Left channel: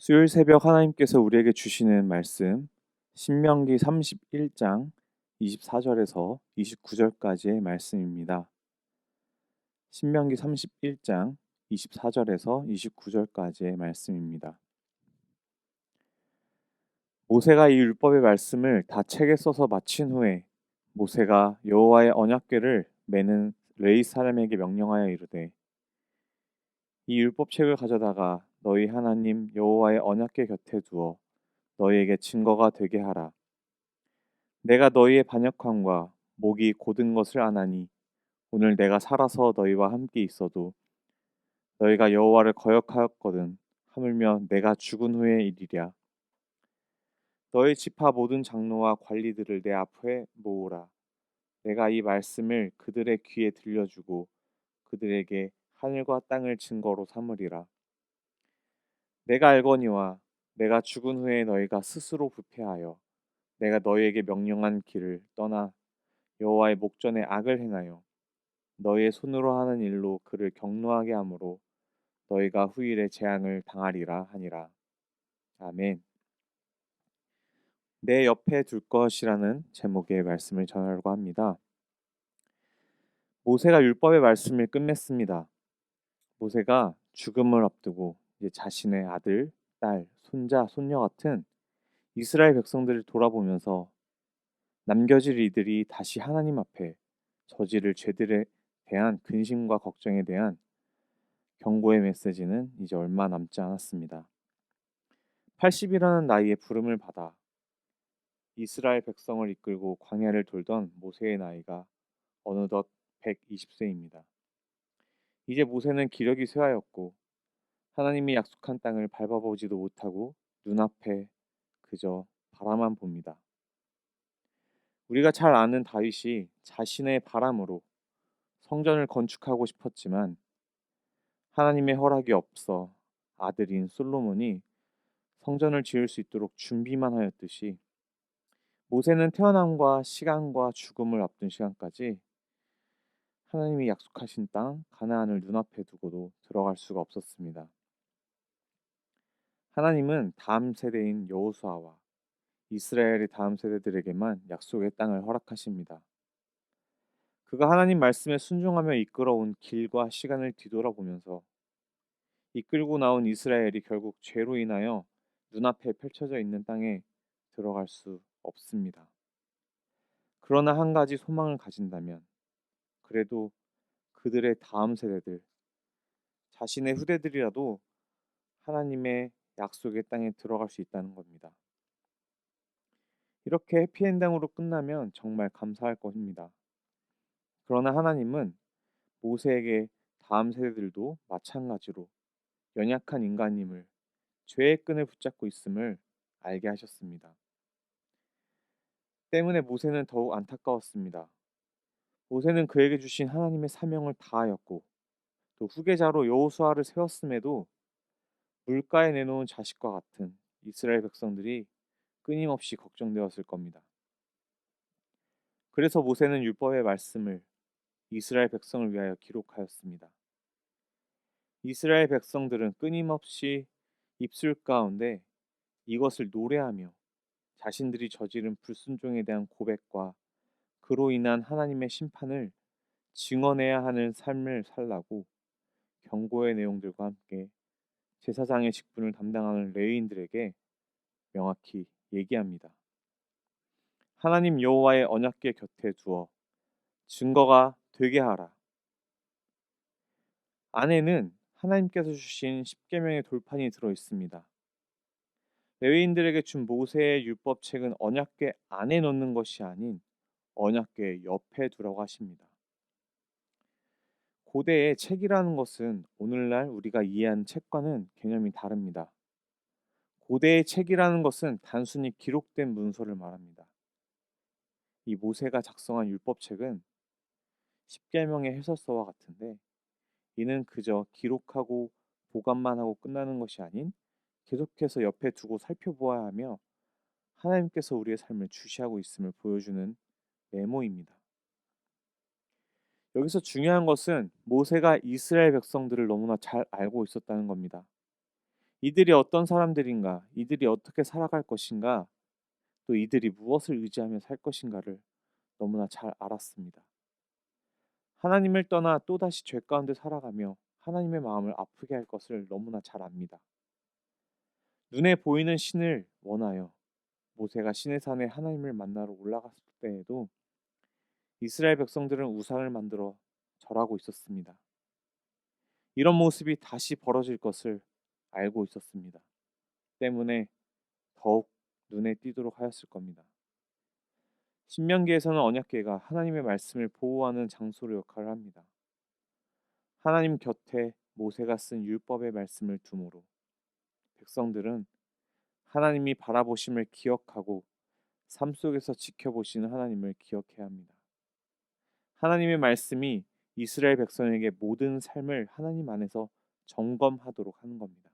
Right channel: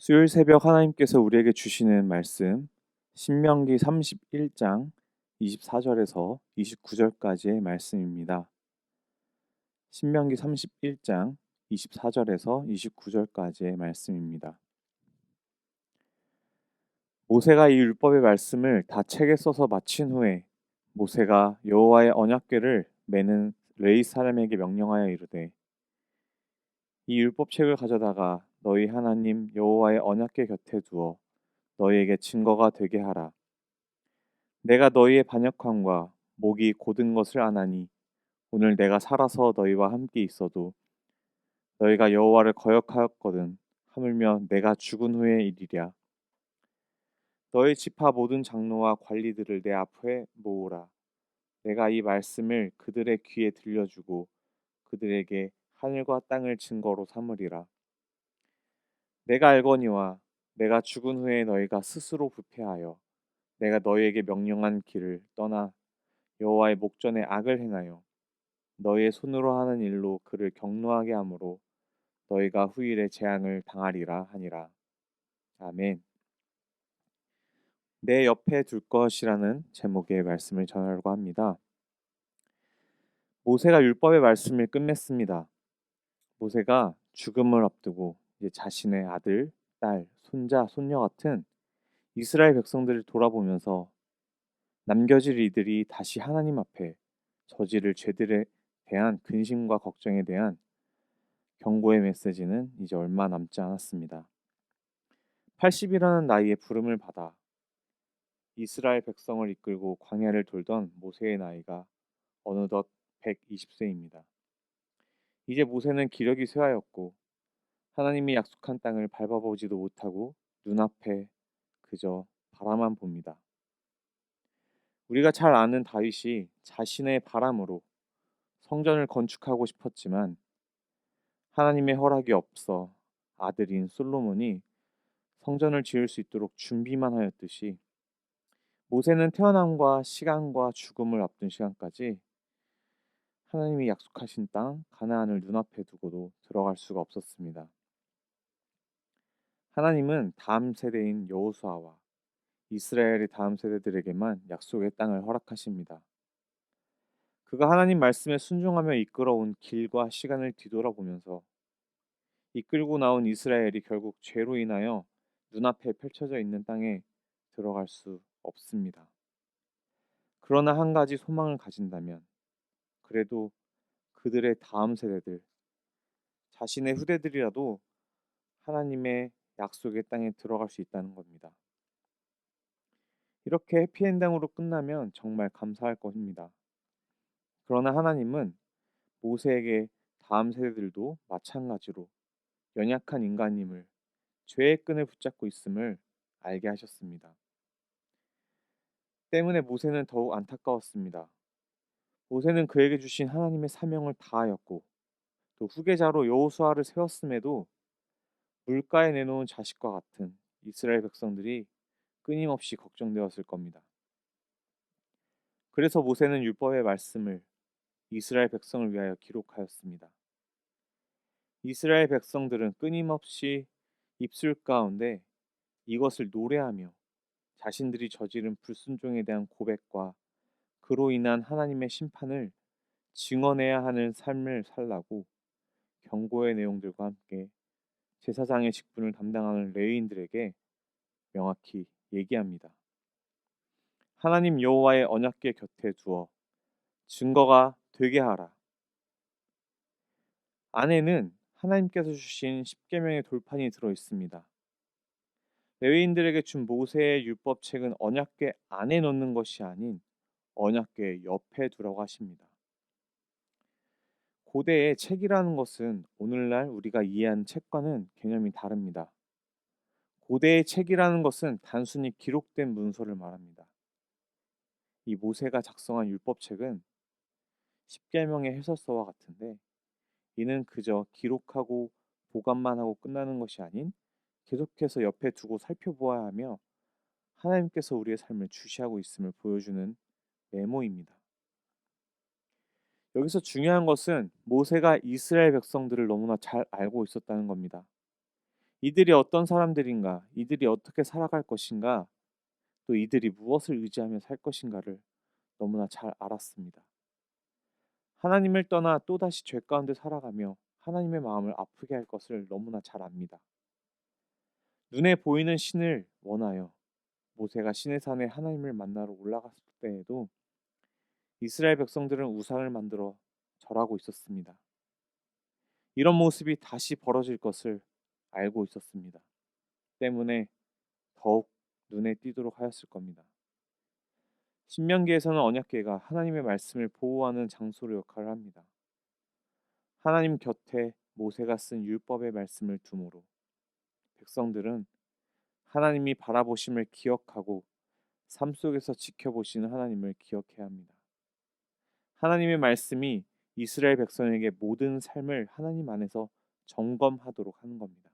수요일 새벽 하나님께서 우리에게 주시는 말씀, 신명기 31장 24절에서 29절까지의 말씀입니다. 신명기 31장 24절에서 29절까지의 말씀입니다. 모세가 이 율법의 말씀을 다 책에 써서 마친 후에 모세가 여호와의 언약궤를 매는 레위 사람에게 명령하여 이르되, 이 율법책을 가져다가 너희 하나님 여호와의 언약궤 곁에 두어 너희에게 증거가 되게 하라. 내가 너희의 반역함과 목이 곧은 것을 아나니 오늘 내가 살아서 너희와 함께 있어도 너희가 여호와를 거역하였거든 하물며 내가 죽은 후의 일이랴. 너희 지파 모든 장로와 관리들을 내 앞에 모으라. 내가 이 말씀을 그들의 귀에 들려주고 그들에게 하늘과 땅을 증거로 삼으리라. 내가 알거니와 내가 죽은 후에 너희가 스스로 부패하여 내가 너희에게 명령한 길을 떠나 여호와의 목전에 악을 행하여 너희의 손으로 하는 일로 그를 경노하게 하므로 너희가 후일에 재앙을 당하리라 하니라. 아멘. 내 옆에 둘 것이라는 제목의 말씀을 전하려고 합니다. 모세가 율법의 말씀을 끝맺습니다. 모세가 죽음을 앞두고 이제 자신의 아들, 딸, 손자, 손녀 같은 이스라엘 백성들을 돌아보면서 남겨질 이들이 다시 하나님 앞에 저지를 죄들에 대한 근심과 걱정에 대한 경고의 메시지는 이제 얼마 남지 않았습니다. 80이라는 나이에 부름을 받아 이스라엘 백성을 이끌고 광야를 돌던 모세의 나이가 어느덧 120세입니다. 이제 모세는 기력이 쇠하였고 하나님이 약속한 땅을 밟아보지도 못하고 눈앞에 그저 바라만 봅니다. 우리가 잘 아는 다윗이 자신의 바람으로 성전을 건축하고 싶었지만 하나님의 허락이 없어 아들인 솔로몬이 성전을 지을 수 있도록 준비만 하였듯이 모세는 태어남과 시간과 죽음을 앞둔 시간까지 하나님이 약속하신 땅 가나안을 눈앞에 두고도 들어갈 수가 없었습니다. 하나님은 다음 세대인 여호수아와 이스라엘의 다음 세대들에게만 약속의 땅을 허락하십니다. 그가 하나님 말씀에 순종하며 이끌어온 길과 시간을 뒤돌아보면서 이끌고 나온 이스라엘이 결국 죄로 인하여 눈앞에 펼쳐져 있는 땅에 들어갈 수 없습니다. 그러나 한 가지 소망을 가진다면 그래도 그들의 다음 세대들, 자신의 후대들이라도 하나님의 약속의 땅에 들어갈 수 있다는 겁니다. 이렇게 해피엔딩으로 끝나면 정말 감사할 것입니다. 그러나 하나님은 모세에게 다음 세대들도 마찬가지로 연약한 인간임을, 죄의 끈을 붙잡고 있음을 알게 하셨습니다. 때문에 모세는 더욱 안타까웠습니다. 모세는 그에게 주신 하나님의 사명을 다하였고 또 후계자로 여호수아를 세웠음에도 물가에 내놓은 자식과 같은 이스라엘 백성들이 끊임없이 걱정되었을 겁니다. 그래서 모세는 율법의 말씀을 이스라엘 백성을 위하여 기록하였습니다. 이스라엘 백성들은 끊임없이 입술 가운데 이것을 노래하며 자신들이 저지른 불순종에 대한 고백과 그로 인한 하나님의 심판을 증언해야 하는 삶을 살라고 경고의 내용들과 함께 제사장의 직분을 담당하는 레위인들에게 명확히 얘기합니다. 하나님 여호와의 언약궤 곁에 두어 증거가 되게 하라. 안에는 하나님께서 주신 십계명의 돌판이 들어 있습니다. 레위인들에게 준 모세의 율법책은 언약궤 안에 넣는 것이 아닌 언약궤 옆에 두라고 하십니다. 고대의 책이라는 것은 오늘날 우리가 이해하는 책과는 개념이 다릅니다. 고대의 책이라는 것은 단순히 기록된 문서를 말합니다. 이 모세가 작성한 율법책은 십계명의 해설서와 같은데 이는 그저 기록하고 보관만 하고 끝나는 것이 아닌 계속해서 옆에 두고 살펴보아야 하며 하나님께서 우리의 삶을 주시하고 있음을 보여주는 메모입니다. 여기서 중요한 것은 모세가 이스라엘 백성들을 너무나 잘 알고 있었다는 겁니다. 이들이 어떤 사람들인가, 이들이 어떻게 살아갈 것인가, 또 이들이 무엇을 의지하며 살 것인가를 너무나 잘 알았습니다. 하나님을 떠나 또다시 죄 가운데 살아가며 하나님의 마음을 아프게 할 것을 너무나 잘 압니다. 눈에 보이는 신을 원하여 모세가 시내산에 하나님을 만나러 올라갔을 때에도 이스라엘 백성들은 우상을 만들어 절하고 있었습니다. 이런 모습이 다시 벌어질 것을 알고 있었습니다. 때문에 더욱 눈에 띄도록 하였을 겁니다. 신명기에서는 언약궤가 하나님의 말씀을 보호하는 장소로 역할을 합니다. 하나님 곁에 모세가 쓴 율법의 말씀을 두므로 백성들은 하나님이 바라보심을 기억하고 삶 속에서 지켜보시는 하나님을 기억해야 합니다. 하나님의 말씀이 이스라엘 백성에게 모든 삶을 하나님 안에서 점검하도록 하는 겁니다.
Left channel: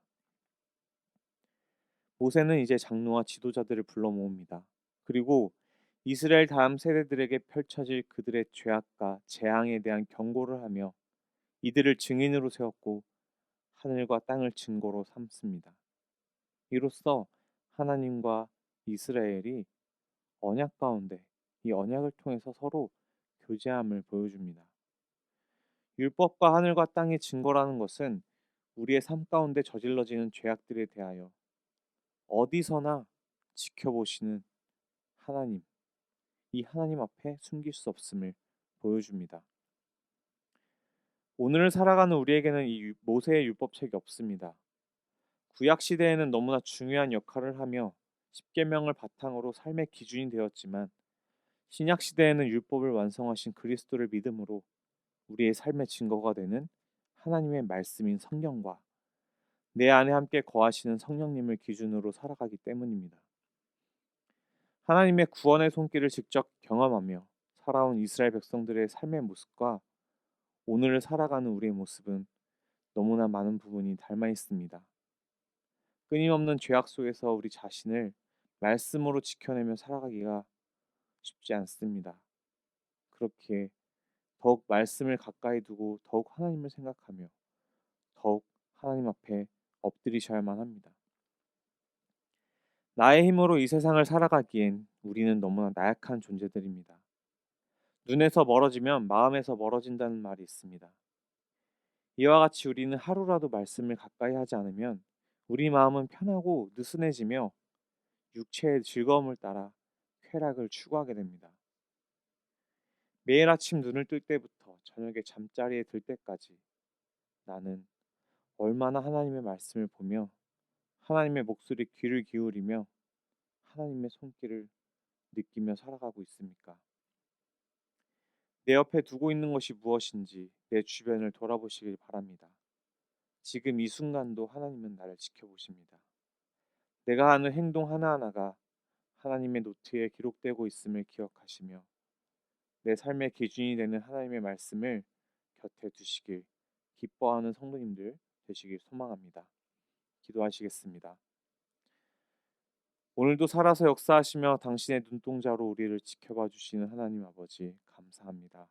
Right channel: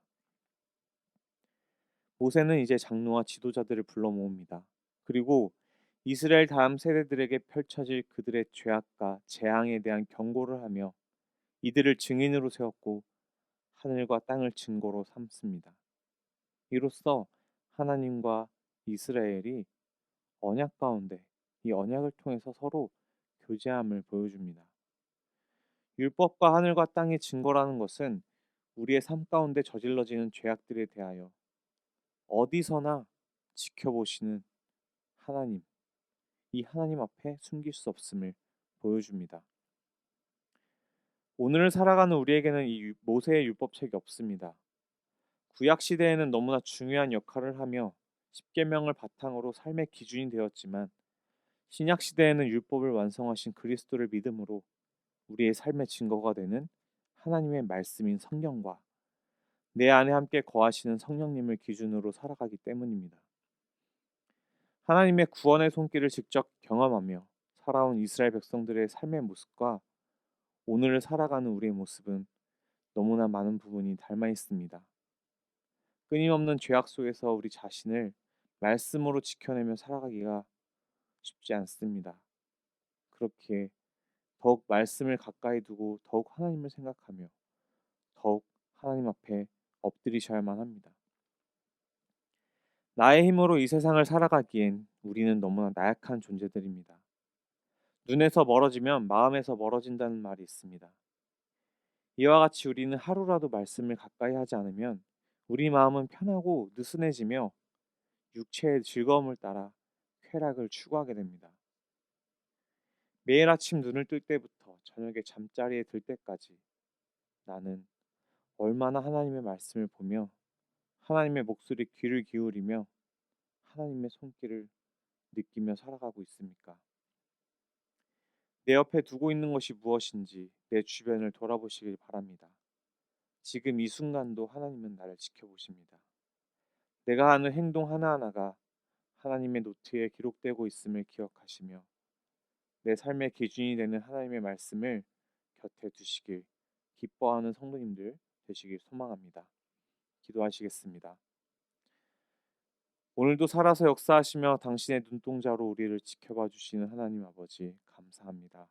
모세는 이제 장로와 지도자들을 불러 모읍니다. 그리고 이스라엘 다음 세대들에게 펼쳐질 그들의 죄악과 재앙에 대한 경고를 하며 이들을 증인으로 세웠고 하늘과 땅을 증거로 삼습니다. 이로써 하나님과 이스라엘이 언약 가운데 이 언약을 통해서 서로 교제함을 보여줍니다. 율법과 하늘과 땅의 증거라는 것은 우리의 삶 가운데 저질러지는 죄악들에 대하여 어디서나 지켜보시는 하나님, 이 하나님 앞에 숨길 수 없음을 보여줍니다. 오늘을 살아가는 우리에게는 이 모세의 율법책이 없습니다. 구약 시대에는 너무나 중요한 역할을 하며 십계명을 바탕으로 삶의 기준이 되었지만 신약 시대에는 율법을 완성하신 그리스도를 믿음으로 우리의 삶의 증거가 되는 하나님의 말씀인 성경과 내 안에 함께 거하시는 성령님을 기준으로 살아가기 때문입니다. 하나님의 구원의 손길을 직접 경험하며 살아온 이스라엘 백성들의 삶의 모습과 오늘을 살아가는 우리의 모습은 너무나 많은 부분이 닮아 있습니다. 끊임없는 죄악 속에서 우리 자신을 말씀으로 지켜내며 살아가기가 쉽지 않습니다. 그렇게 더욱 말씀을 가까이 두고 더욱 하나님을 생각하며 더욱 하나님 앞에 엎드리셔야만 합니다. 나의 힘으로 이 세상을 살아가기엔 우리는 너무나 나약한 존재들입니다. 눈에서 멀어지면 마음에서 멀어진다는 말이 있습니다. 이와 같이 우리는 하루라도 말씀을 가까이 하지 않으면 우리 마음은 편하고 느슨해지며 육체의 즐거움을 따라 쾌락을 추구하게 됩니다. 매일 아침 눈을 뜰 때부터 저녁에 잠자리에 들 때까지 나는 얼마나 하나님의 말씀을 보며 하나님의 목소리에 귀를 기울이며 하나님의 손길을 느끼며 살아가고 있습니까? 내 옆에 두고 있는 것이 무엇인지 내 주변을 돌아보시길 바랍니다. 지금 이 순간도 하나님은 나를 지켜보십니다. 내가 하는 행동 하나하나가 하나님의 노트에 기록되고 있음을 기억하시며 내 삶의 기준이 되는 하나님의 말씀을 곁에 두시길 기뻐하는 성도님들 되시길 소망합니다. 기도하시겠습니다. 오늘도 살아서 역사하시며 당신의 눈동자로 우리를 지켜봐 주시는 하나님 아버지 감사합니다.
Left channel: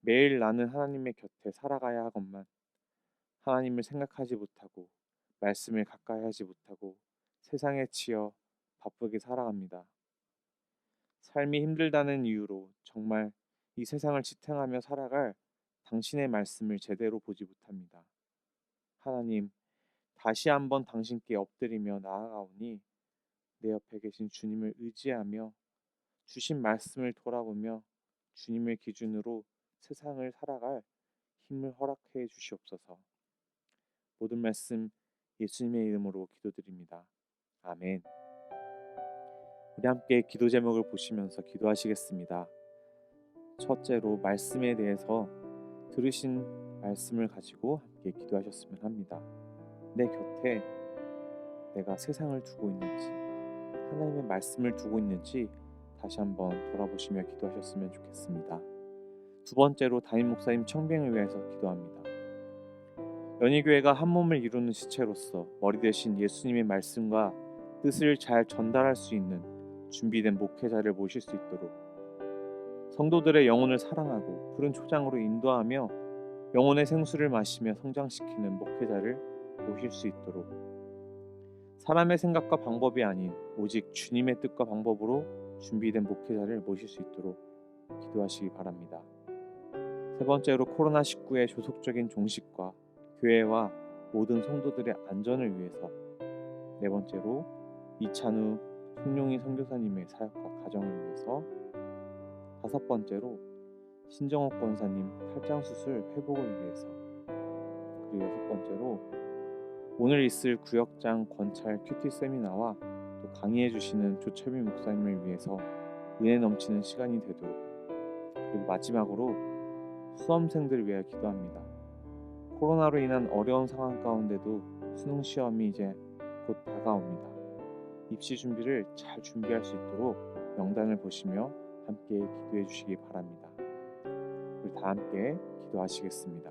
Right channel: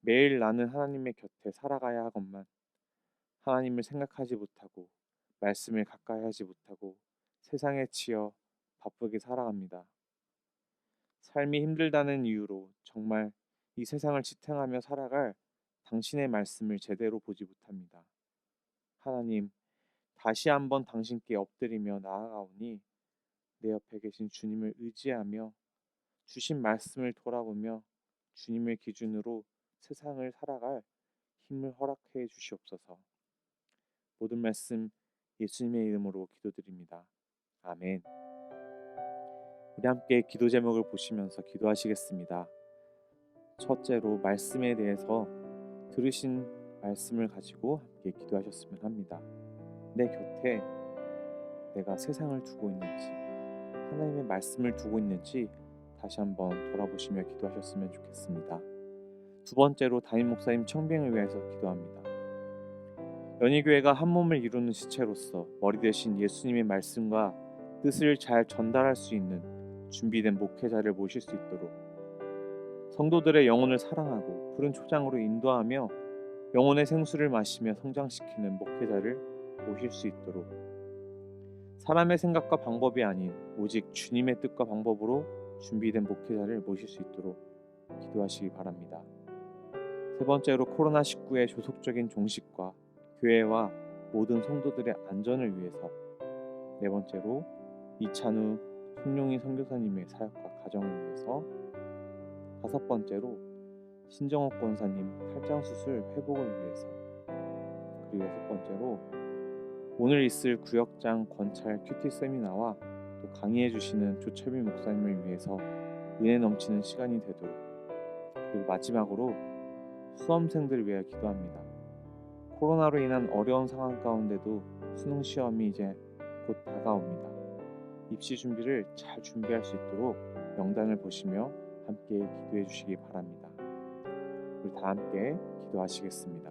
매일 나는 하나님의 곁에 살아가야 하건만 하나님을 생각하지 못하고 말씀을 가까이 하지 못하고 세상에 치여 바쁘게 살아갑니다. 삶이 힘들다는 이유로 정말 이 세상을 지탱하며 살아갈 당신의 말씀을 제대로 보지 못합니다. 하나님, 다시 한번 당신께 엎드리며 나아가오니 내 옆에 계신 주님을 의지하며 주신 말씀을 돌아보며 주님을 기준으로 세상을 살아갈 힘을 허락해 주시옵소서. 모든 말씀 예수님의 이름으로 기도드립니다. 아멘. 우리 함께 기도 제목을 보시면서 기도하시겠습니다. 첫째로 말씀에 대해서 들으신 말씀을 가지고 함께 기도하셨으면 합니다. 내 곁에 내가 세상을 두고 있는지 하나님의 말씀을 두고 있는지 다시 한번 돌아보시며 기도하셨으면 좋겠습니다. 두 번째로 담임 목사님 청빙을 위해서 기도합니다. 연희교회가 한 몸을 이루는 지체로서 머리 대신 예수님의 말씀과 뜻을 잘 전달할 수 있는 준비된 목회자를 모실 수 있도록 성도들의 영혼을 사랑하고 푸른 초장으로 인도하며 영혼의 생수를 마시며 성장시키는 목회자를 모실 수 있도록 사람의 생각과 방법이 아닌 오직 주님의 뜻과 방법으로 준비된 목회자를 모실 수 있도록 기도하시기 바랍니다. 세 번째로 코로나19의 조속적인 종식과 교회와 모든 성도들의 안전을 위해서, 네 번째로 이찬우 송룡희 선교사님의 사역과 가정을 위해서, 다섯 번째로 신정옥 권사님 탈장 수술 회복을 위해서, 그리고 여섯 번째로 오늘 있을 구역장 권찰 큐티 세미나와 또 강의해 주시는 조철미 목사님을 위해서 은혜 넘치는 시간이 되도록, 그리고 마지막으로 수험생들을 위하여 기도합니다. 코로나로 인한 어려운 상황 가운데도 수능 시험이 이제 곧 다가옵니다. 입시 준비를 잘 준비할 수 있도록 명단을 보시며 함께 기도해 주시기 바랍니다. 우리 다 함께 기도하시겠습니다.